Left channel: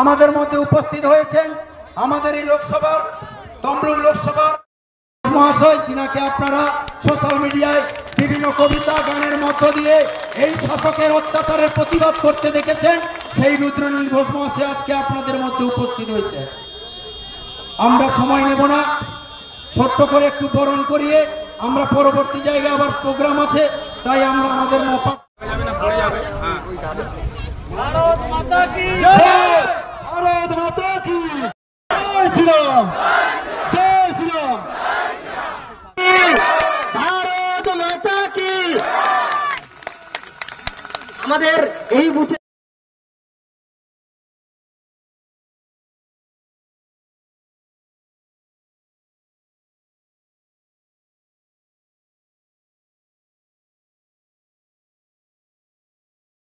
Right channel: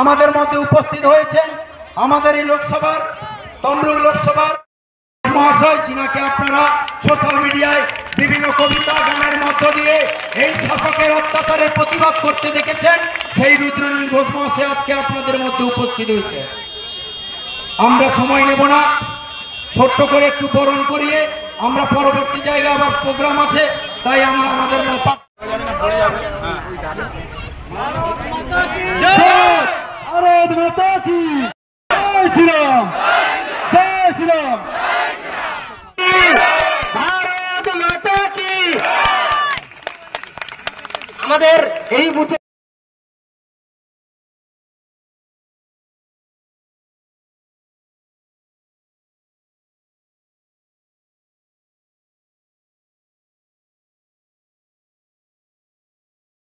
আমাদের মধ্যে উপস্থিত হয়েছেন আমাদের এই লোকসভার তমলুক লোকসভার মহাশয়, যিনাকে আপনারা সোশ্যাল মিডিয়ায় বিভিন্ন কবিতা গানের মধ্য দিয়ে এই শাসকের অত্যাচারের প্রতিবাদ করতে দেখেছেন। সেই রুদ্রনীল ঘোষ মহাশয় আজকে আপনাদের মধ্যে উপস্থিত হয়েছে। আমরা সময় নেব না, ছোট্ট করে একটু বরণ করিয়ে আমরা পরবর্তী জায়গায় আবার প্রোগ্রাম আছে, তাই আমরা আমাদের আমাদের এই বুথে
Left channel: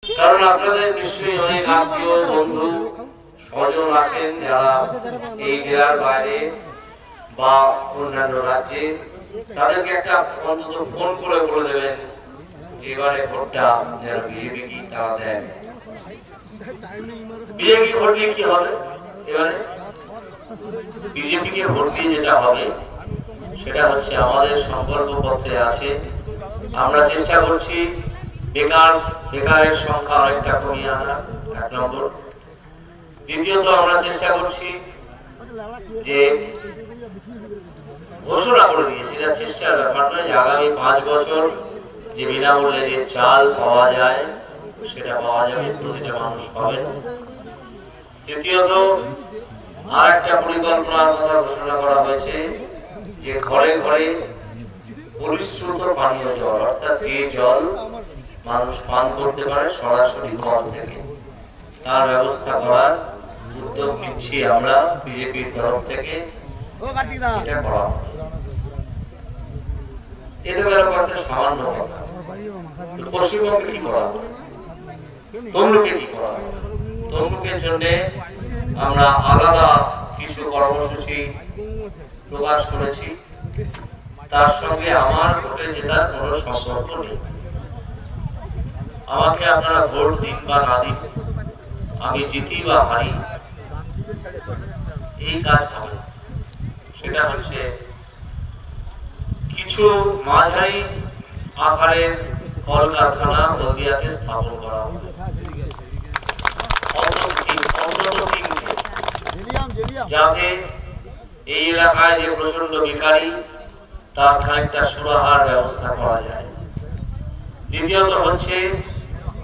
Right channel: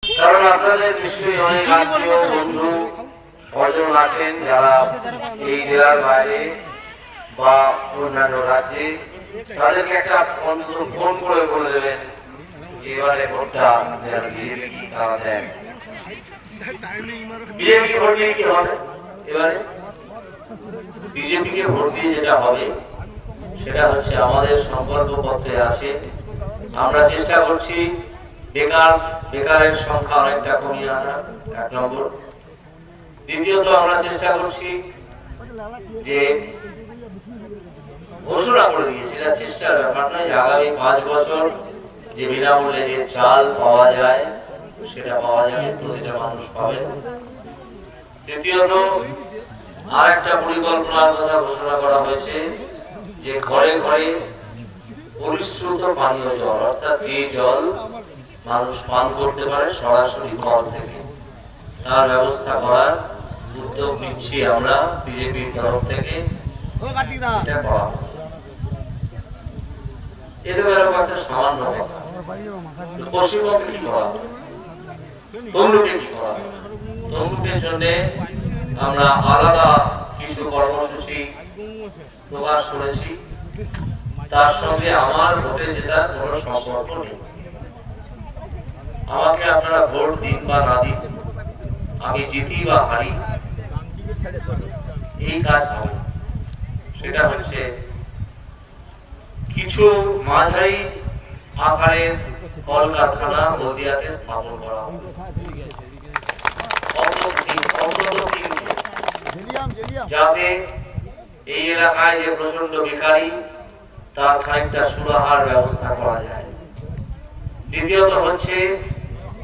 কারণ আপনাদের নিশ্চয়ই অনেক আত্মীয় বন্ধু স্বজন আছেন যারা এই জেলার বাইরে বা অন্যান্য রাজ্যে, তাদেরকে একটা অন্তত ফোন করে বলে দেবেন এবারে ভোটটা যারা বিজেপি তারা দেন। বিজেপি ভোট দিয়ে কি হবে? এবারে বিজেপিকে ভোট দিয়ে যেটা হবে সেটা হচ্ছে আমাদের সংকল্প পত্রে আছে। আমরা চেষ্টা করছি বেকারের সংখ্যা অনেকটা কমিয়ে আনা, 1 নম্বর। দ্বিতীয়ত আমরা চেষ্টা করছি যে ঘোষণা করে দিয়েছি, এটা চেষ্টার ব্যাপার নয়, আগামী 5 বছর যে বিনামূল্যে যে চাল পাওয়া যায় সেটা পাওয়া যাবে, প্রতিটা মানুষ পাবে। তৃতীয়ত আর একটা পরিকল্পনার কথা ঘোষণা করা হয়েছে যে ঘরে ঘরে পরিশ্রুত পানীয় জল, অর্থাৎ যে জল মানুষ পান করতে পারে সরাসরি কল থেকে, তার ব্যবস্থা করার উদ্যোগ নিচ্ছি আমরা বিজেপির তরফ থেকে। এটা গেল একটা সামান্য কথা। পশ্চিমবঙ্গে কি করা, তমলুকে কি করা? তমলুকের জন্য আমরা আলাদা কিছু কর্মসূচি প্রকাশ করেছি, তার সঙ্গে আমার ভোটে জেতার কোন সম্পর্ক নেই। আমাকে আপনারা ভোট দিন বা না দিন, আমি জিতি বা হারি, এই কাজ হবে। সেটা হচ্ছে কিছু মাঝারি আকারের কলকারখানা হলদিয়াতে স্থাপন করা হবে, যাতে এই এলাকায় যে প্রচন্ড বেকারি তার খানিকটা সুরাহার ব্যবস্থা করা যায়। দ্বিতীয়ত হচ্ছে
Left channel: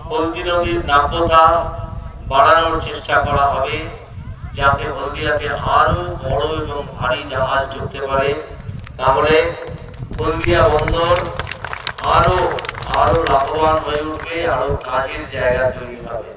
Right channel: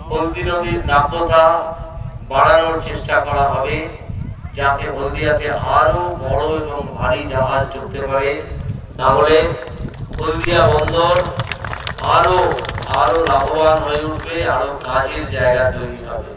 হলদি নদীর নাব্যতা বাড়ানোর চেষ্টা করা হবে, যাতে হলদিয়াতে আরো বড় এবং ভারী জাহাজ ঢুকতে পারে, তাহলে হলদিয়া বন্দর আরো লাভবান হয়ে উঠবে, আরো কাজের জায়গা তৈরি হবে।